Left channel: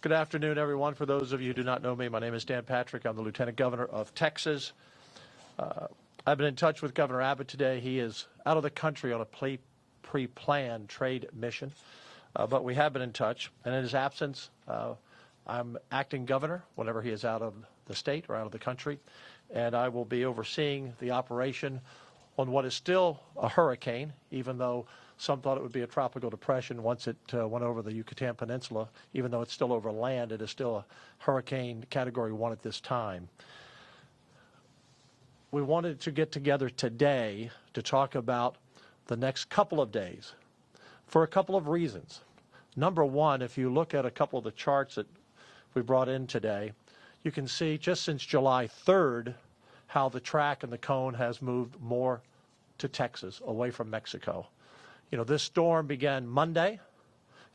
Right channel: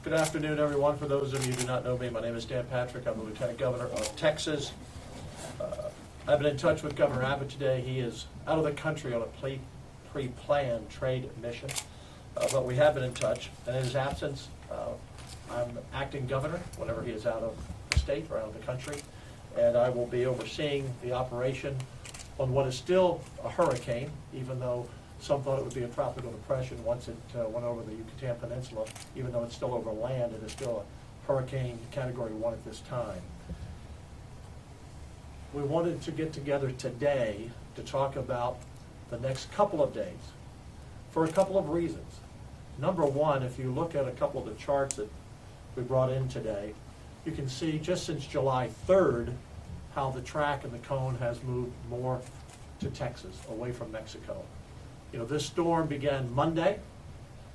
Good afternoon, everyone. For those of you who do not know me, my name is Dan Patrick. I'm the Lieutenant Governor of Texas. I've been in touch with Governor Abbott today. He is out of the country on a pre-planned trade mission, but we have been in touch. And in his absence, I'm acting governor whenever he is out of the state or out of the country, and I will be overseeing the operation on what is still a hurricane, even though some thought it would be a tropical depression once it went over the Yucatan Peninsula. Even though it's still over land, it is still a hurricane category 1 at this time. We wanted to get together today to talk about the next couple of days for a couple of reasons. Number one, if you look at a couple of the charts that we brought in today, you can see just since July 3rd how the track and the cone has moved more to Texas, away from Mexico. You know, this storm began Monday.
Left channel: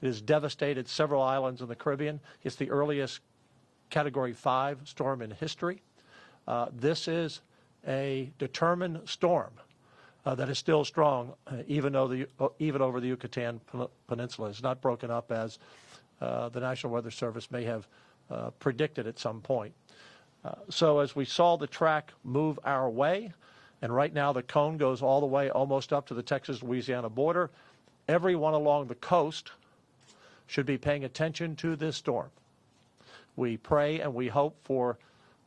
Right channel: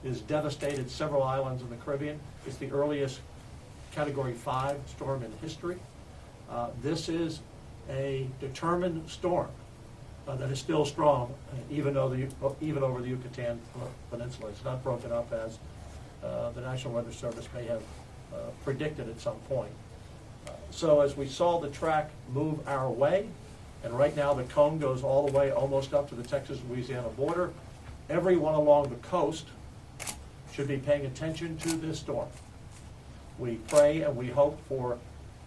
It has devastated several islands in the Caribbean. It's the earliest Category 5 storm in history. This is a determined storm that is still strong, even over the Yucatan Peninsula. It's not broken up as the National Weather Service may have predicted at some point. So as we saw the track move our way, and right now the cone goes all the way almost up to the Texas-Louisiana border, everyone along the coast should be paying attention to this storm. We pray and we hope for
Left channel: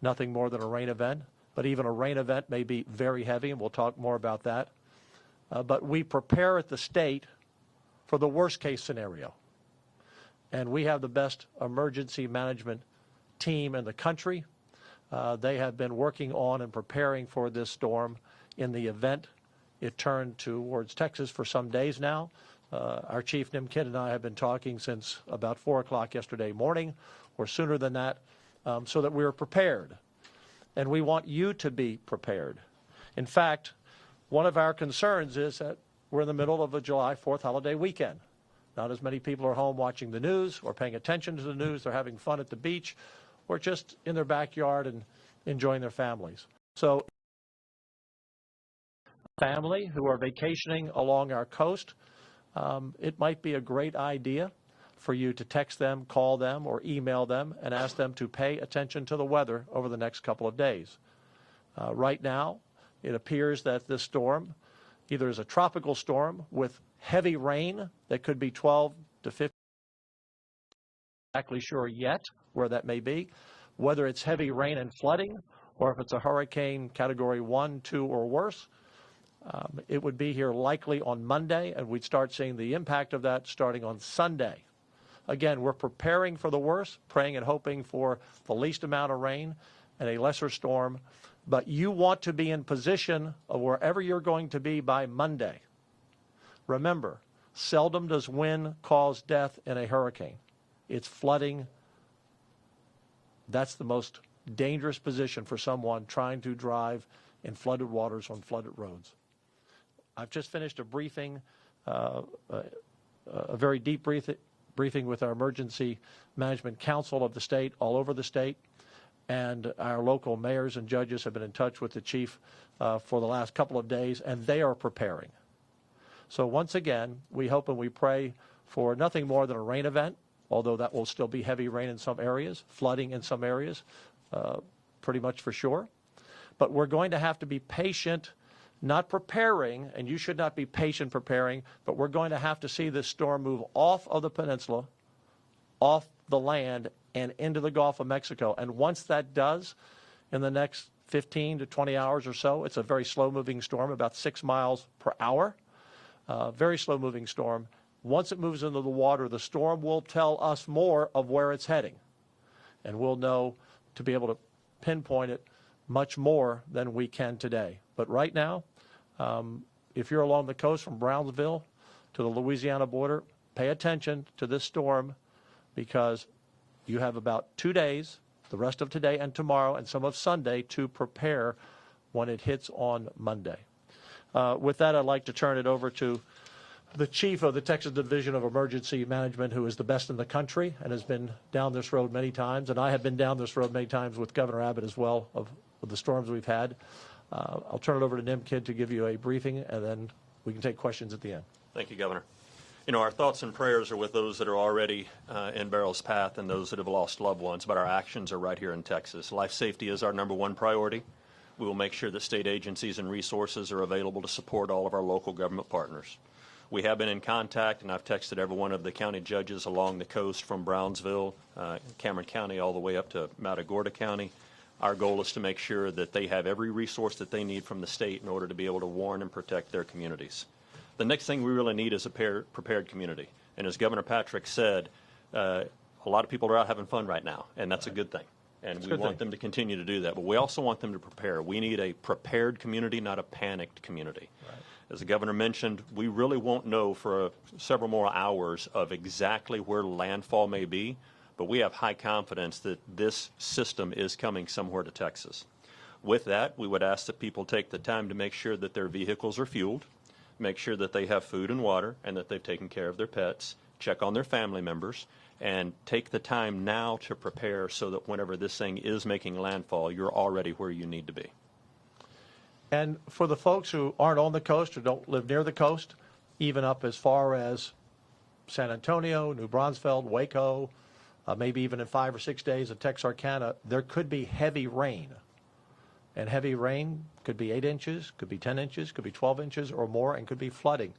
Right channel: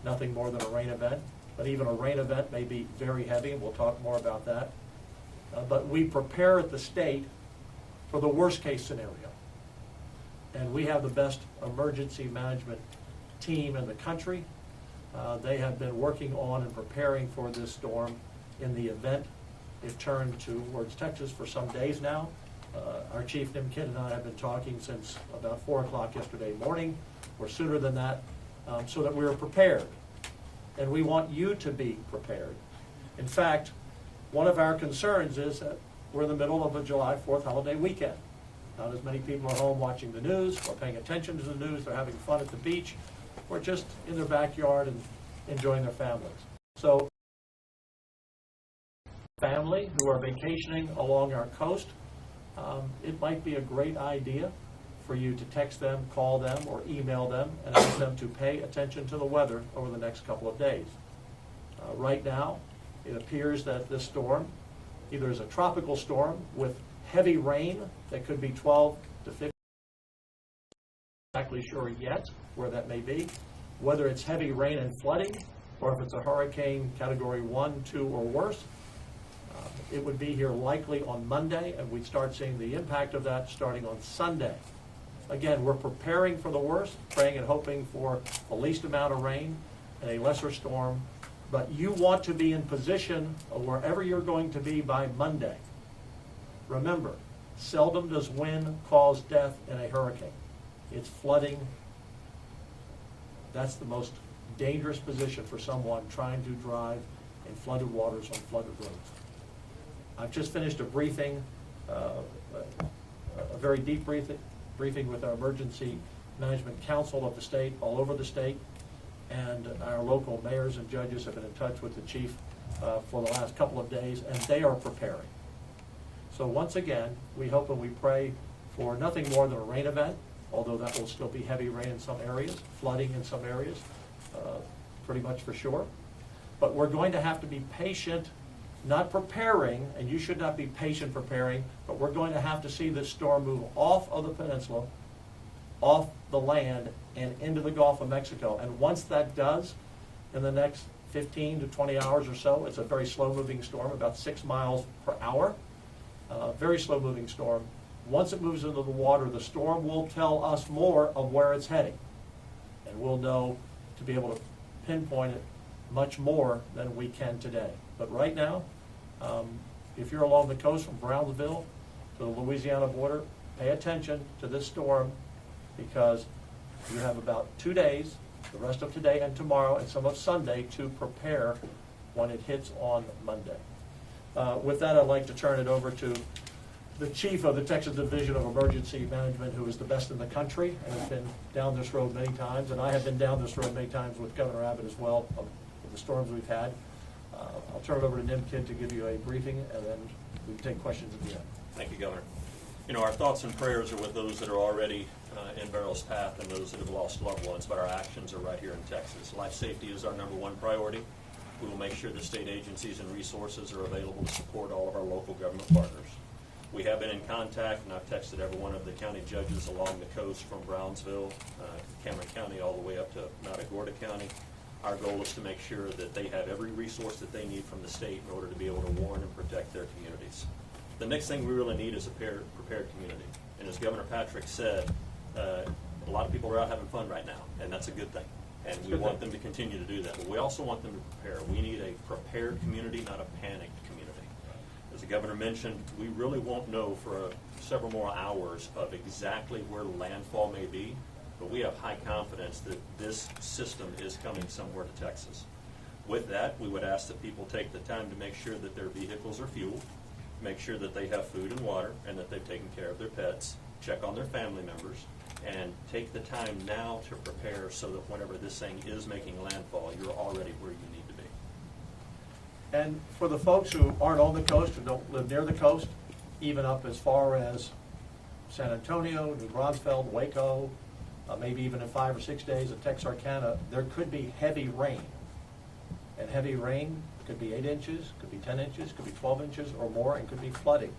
nothing more than a rain event, but even a rain event may be very heavy, and we'll talk more about that. But we prepare at the state for the worst case scenario. And we have the best emergency management team in the country. They have been working on and preparing for this storm in the event it turned towards Texas for some days now. Our chief, Nim Kidd, and I have been talking since about 4 o'clock yesterday morning, or sooner than that, so that we're prepared. And we want you to be prepared. In fact, one of our concerns is that we're in the middle of a July 4th holiday weekend. Not as many people are home watching the news or paying attention to the news. They're having fun at the beach or just in their backyard and enjoying their families. So, family who are vacationing along our coast, it might be a great idea for you to text them, call them, or email them and ask them to pay attention to the weather over the next couple of days. Right now, it appears that this storm either is a tropical storm with heavy rain that could be 12 to 15. Exactly sure yet where that may be, whether it's heavy rain and flooding or if it's a hurricane category 1, 2, or worse. It would be here likely on Monday, and we'd start seeing the impact of that starting on Sunday. Again, we're preparing for the worst, praying and hoping for the least amount of rain and a lesser storm, but you want to be in position of wherever you're going to be by Monday. Remember, seldom does wind cause death in a hurricane. It's flooding. That's the most dangerous position for someone trying to drive in flooded waters on flooded roads. I've just finished a briefing, a very deep briefing with our Emergency Management Council of the state, all over the state, and our local mayors and judges have been in touch with the chief for the last couple of days, and they are preparing. So once again, we hope and we pray for nothing more than a rain event, although that will still be heavy rain in some areas, flooding in some areas, pretty much for sure. But we're going to have to be patient, not preparing, and you should not be patient preparing, but we're going to have to see this storm move off of the peninsula, off the land, and into the Gulf of Mexico. And once that does, in the next 15 to 20 hours or so, it's a very slow-moving storm, about 6 miles per hour, very slow-moving storm. Once it moves into the water, the storm will tell us more of where it's heading, and we'll know to be able to pinpoint it much more than we can today. But right now, if you're along the coast from Brownsville to the Louisiana border, pay attention to this storm, because you have about 2 days, the rest of today and tomorrow and some of Sunday, to prepare when it hits on Monday. With that, I'd like to turn it over to the chief of the Texas Division of Emergency Management, who is the best in the country and has been down this road many times, and I have been down this road many times with Governor Abbott as well of the storms we've had. I'll turn it over to Nim Kidd to give you a briefing, and then we can take questions at the end. Thank you, Governor. You know, our thoughts and prayers are with those that are already in Beryl's path and those that have lost loved ones, but our actions are right here in Texas. Life safety is our #1 priority. We will make sure that state agencies and resources are available to support all of our local government partners. We have been in contact, and I've texted every one of the county judges along the coast from Brownsville, Cameron County, all the way up to Matagorda County. Our goal is to make sure that they have every resource that they need from the state in order to be able to warn and protect their communities. The next thing we really need is a prepared community. And as Governor Patrick said, a lot of people are out having fun right now, and that's a good thing. And we want them to continue to do that. But we also want them to prepare. We need a prepared community, not a panicked community. As the governor mentioned, we really won't know for several more hours of exactly where landfall may be, but we have high confidence that this system is coming somewhere to Texas. With that, we would ask that people take the time to make sure that their vehicles are fueled, make sure that they have food and water, and that they've taken care of their pets, check on their family members, and take the time now to prepare so that whenever this thing is making landfall, you're already where you need to be. And for the folks who aren't on the coast or don't live near the coast, even up as far as San Antonio, New Braunfels, Waco, maybe even in 5 or 6 days at Texarkana, there could be heavy rain. And heavy rain could be 8 inches, could be 10 inches, could be 12 inches or more, and could be flooding.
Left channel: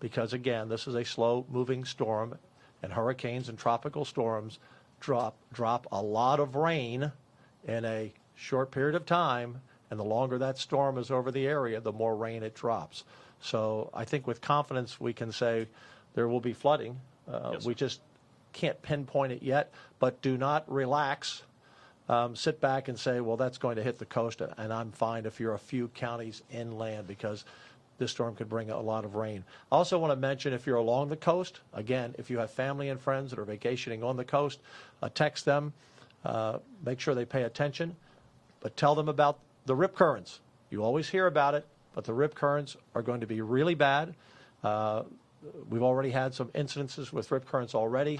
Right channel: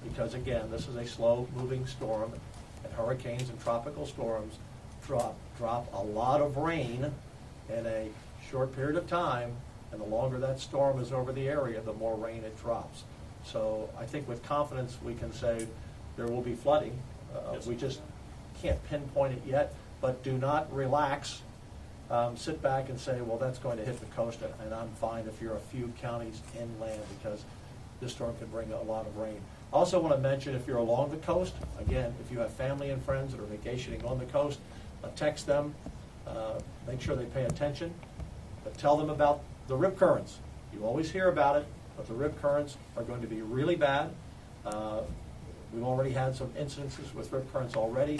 Because again, this is a slow-moving storm, and hurricanes and tropical storms drop a lot of rain in a short period of time, and the longer that storm is over the area, the more rain it drops. So I think with confidence we can say there will be flooding. Yes. We just can't pinpoint it yet, but do not relax. Sit back and say, well, that's going to hit the coast, and I'm fine if you're a few counties inland, because this storm could bring a lot of rain. I also want to mention, if you're along the coast, again, if you have family and friends that are vacationing on the coast, text them, make sure they pay attention, but tell them about the rip currents. You always hear about it, but the rip currents are going to be really bad. We've already had some incidences with rip currents already,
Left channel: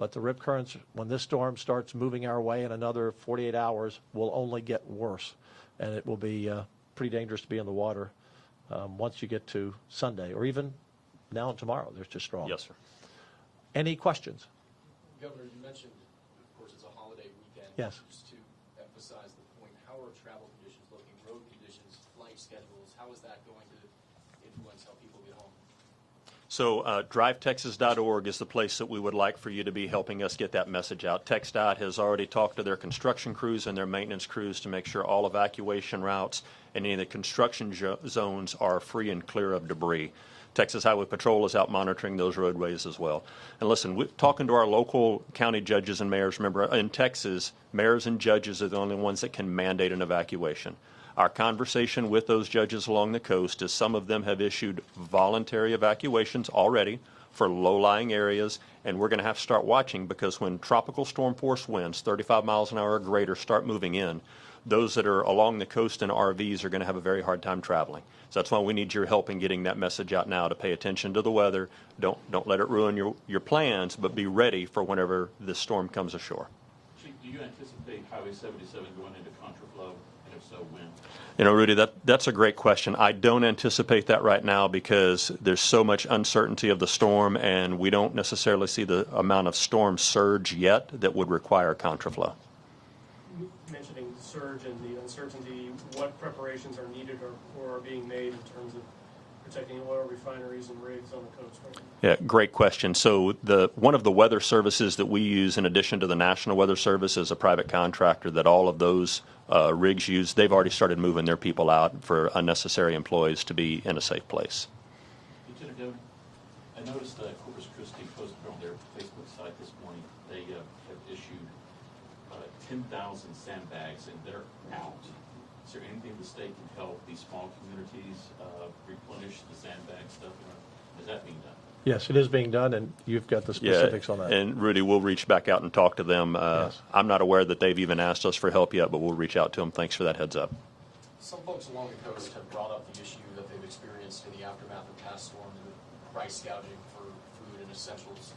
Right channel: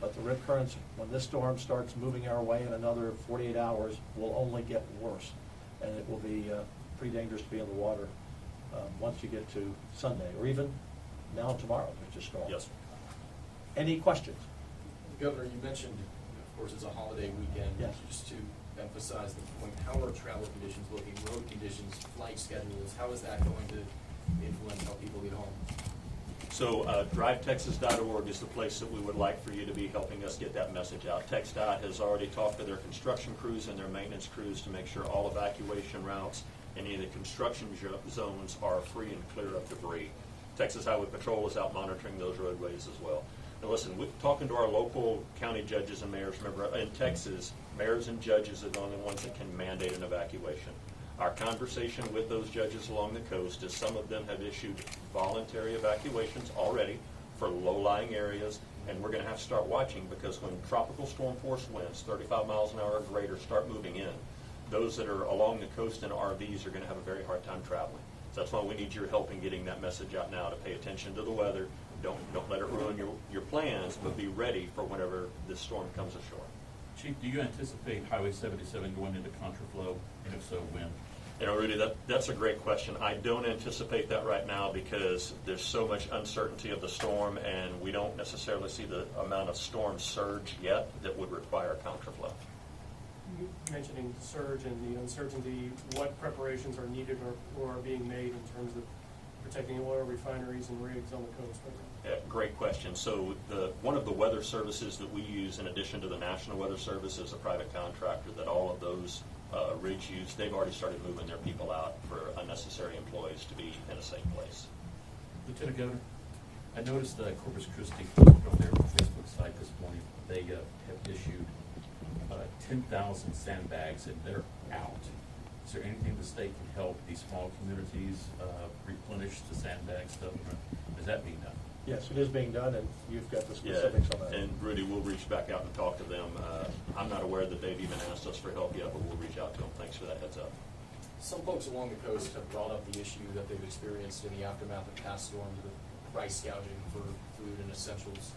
but the rip currents, when this storm starts moving our way in another 48 hours, will only get worse. And it will be pretty dangerous to be in the water once you get to Sunday, or even now and tomorrow. They're just strong. Yes, sir. Any questions? Governor, you mentioned, of course, it's a holiday weekend. Yes. Just to emphasize the point, how are travel conditions looking, road conditions, flight schedules? How is that going to influence how people get home? So drivetexas.org is the place that we would like for you to be helping us get that message out. TxDOT has already talked to their construction crews and their maintenance crews to make sure all evacuation routes and any of the construction zones are free and clear of debris. Texas Highway Patrol is out monitoring those roadways as well. And listen, talking to our local county judges and mayors, remember in Texas, mayors and judges are the only ones that can mandate an evacuation. Our conversation with those judges along the coast is some of them have issued voluntary evacuations already for low-lying areas, and we're going to have to start watching, because when tropical storm force winds, 35 miles an hour or greater, start moving in, those that are along the coast in RVs are going to have a very hard time traveling. So that's why we need your help in getting that message out now, to pay attention to the weather. Don't let it ruin your plans, but be ready for whenever this storm comes ashore. Chief, do you anticipate Highway 77 going into contraflow, and if so, when? You know, Rudy, that's a great question. I don't anticipate that right now, because there's so much uncertainty of the storm, and we don't necessarily see the amount of storm surge yet that would require contraflow. Mentioning surge and the uncertainty, what preparations are needed or are being made in terms of protecting oil refineries and rigs on the coast? Yeah, great question. So one of the weather services that we use, in addition to the National Weather Service, is a private contractor that all of those rigs use. They've already started moving their people out for unnecessary employees to be in a safe place. Lieutenant Governor, I noticed Corpus Christi posted on their Facebook site this morning, they have issued 10,000 sandbags that are out. Is there anything the state can help these small communities replenish the sandbag stuff? Is that being done? Yes, it is being done, and you've got the specifics on that. And Rudy, we'll reach back out and talk to them. Yes. I'm not aware that they've even asked us for help yet, but we'll reach out to them. Thanks for that heads up. Some folks along the coast have brought up the issue that they've experienced in the aftermath of past storms with price gouging for food and essentials.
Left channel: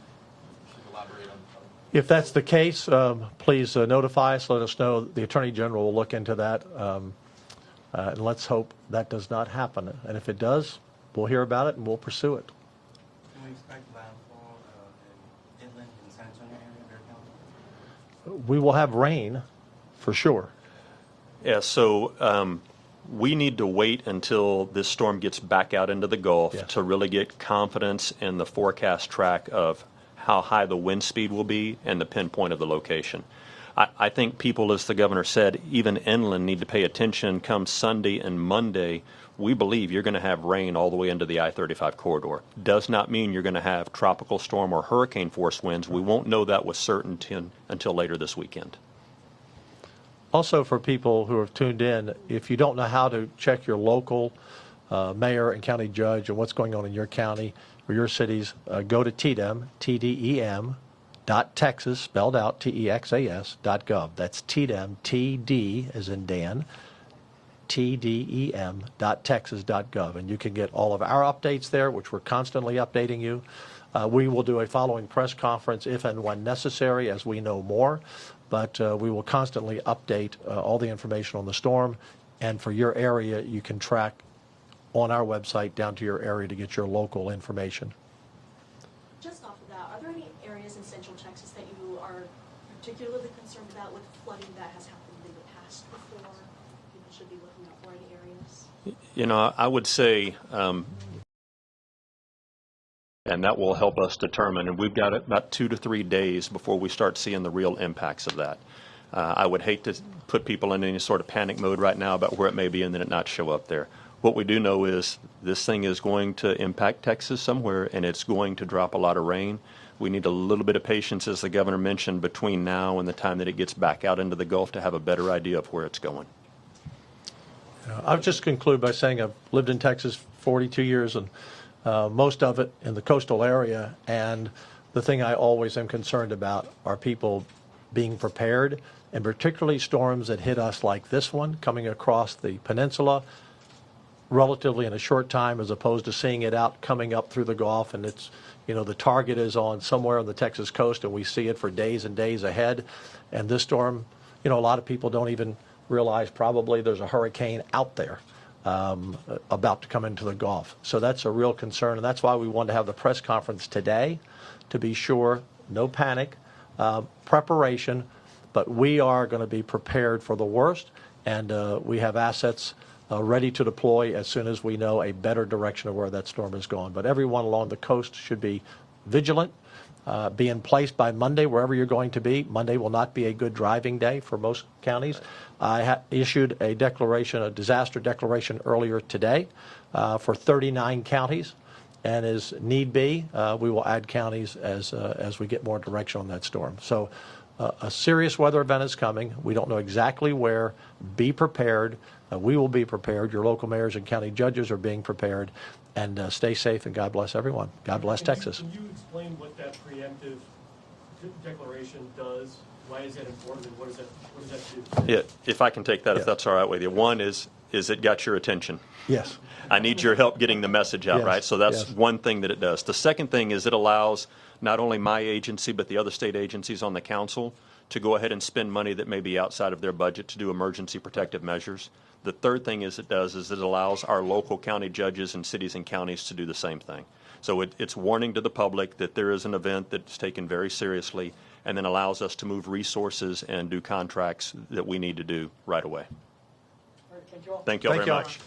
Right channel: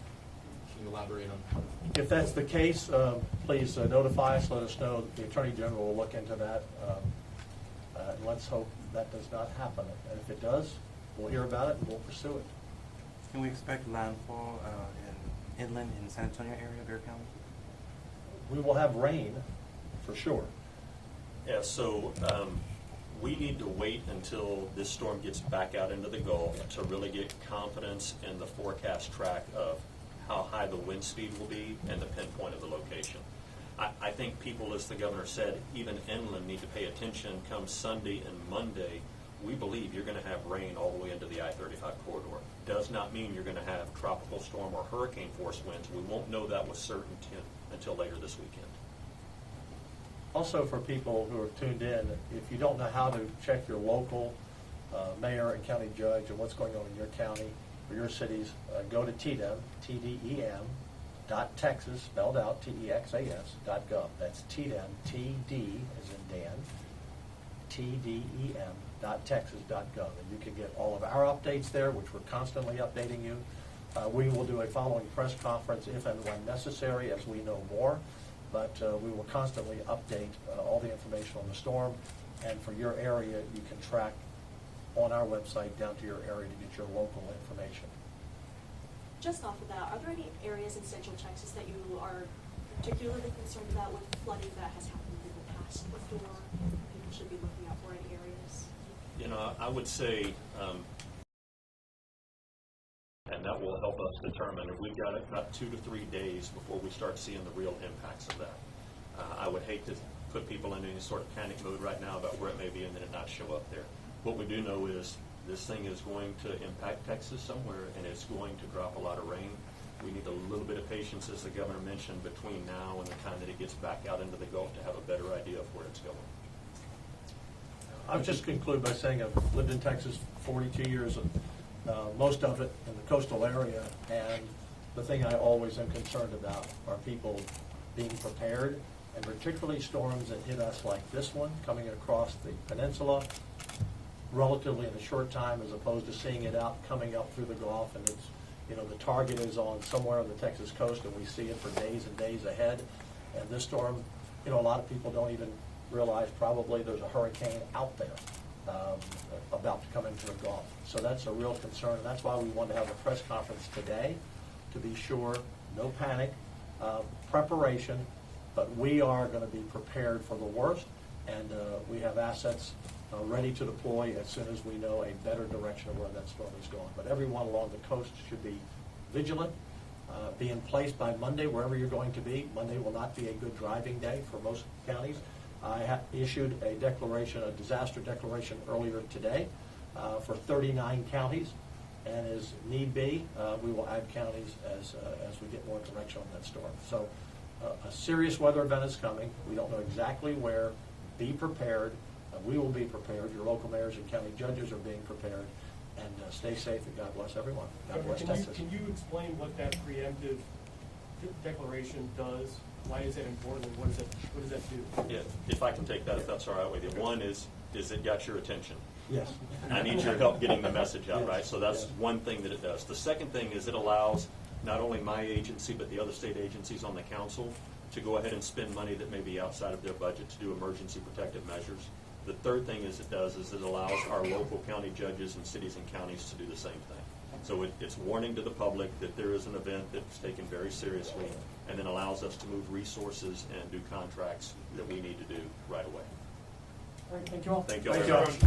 Can you elaborate on? If that's the case, please notify us, let us know. The Attorney General will look into that, and let's hope that does not happen. And if it does, we'll hear about it and we'll pursue it. Can we expect landfall in inland in San Antonio area, Bear County? We will have rain, for sure. Yeah, so we need to wait until this storm gets back out into the Gulf Yeah. to really get confidence in the forecast track of how high the wind speed will be and the pinpoint of the location. I think people, as the governor said, even inland need to pay attention come Sunday and Monday. We believe you're going to have rain all the way into the I-35 corridor. Does not mean you're going to have tropical storm or hurricane force winds. We won't know that with certainty until later this weekend. Also, for people who have tuned in, if you don't know how to check your local mayor and county judge and what's going on in your county or your cities, go to TDEM, TDEM, .texas, spelled out, TEXAS.gov. That's TDEM, TD as in Dan, TDEM.texas.gov. And you can get all of our updates there, which we're constantly updating you. We will do a following press conference if and when necessary as we know more. But we will constantly update all the information on the storm. And for your area, you can track on our website down to your area to get your local information. Just off of that, are there any areas in Central Texas that you are particularly concerned about with flooding that has happened in the past before? People should be looking out for any areas? You know, I would say, and that will help us determine, and we've got about 2 to 3 days before we start seeing the real impacts of that. I would hate to put people in any sort of panic mode right now about where it may be and then it not show up there. What we do know is this thing is going to impact Texas somewhere, and it's going to drop a lot of rain. We need a little bit of patience, as the governor mentioned, between now and the time that it gets back out into the Gulf to have a better idea of where it's going. I'll just conclude by saying I've lived in Texas 42 years, and most of it in the coastal area. And the thing I always am concerned about are people being prepared, and particularly storms that hit us like this one coming across the peninsula relatively in a short time, as opposed to seeing it out coming up through the Gulf, and it's, you know, the target is on somewhere on the Texas coast and we see it for days and days ahead. And this storm, you know, a lot of people don't even realize probably there's a hurricane out there about to come into the Gulf. So that's a real concern, and that's why we wanted to have the press conference today, to be sure, no panic, preparation, but we are going to be prepared for the worst, and we have assets ready to deploy as soon as we know a better direction of where that storm is going. But everyone along the coast should be vigilant, be in place by Monday wherever you're going to be. Monday will not be a good driving day for most counties. I issued a declaration, a disaster declaration earlier today for 39 counties, and as need be, we will add counties as we get more direction on that storm. So a serious weather event is coming. We don't know exactly where. Be prepared. We will be prepared. Your local mayors and county judges are being prepared. And stay safe, and God bless everyone. God bless Texas. Can you explain what that preemptive declaration does? Why is it important, and what does that do? Yeah, if I can take that, if that's all right with you. One is it got your attention? Yes. I need your help getting the message out, Yes, right? So that's yes. one thing that it does. The second thing is it allows not only my agency, but the other state agencies on the council to go ahead and spend money that may be outside of their budget to do emergency protective measures. The third thing is it allows our local county judges in cities and counties to do the same thing. So it's warning to the public that there is an event that's taken very seriously, and then allows us to move resources and do contracts that we need to do right away. All right, thank you all. Thank you all Thank very you. much.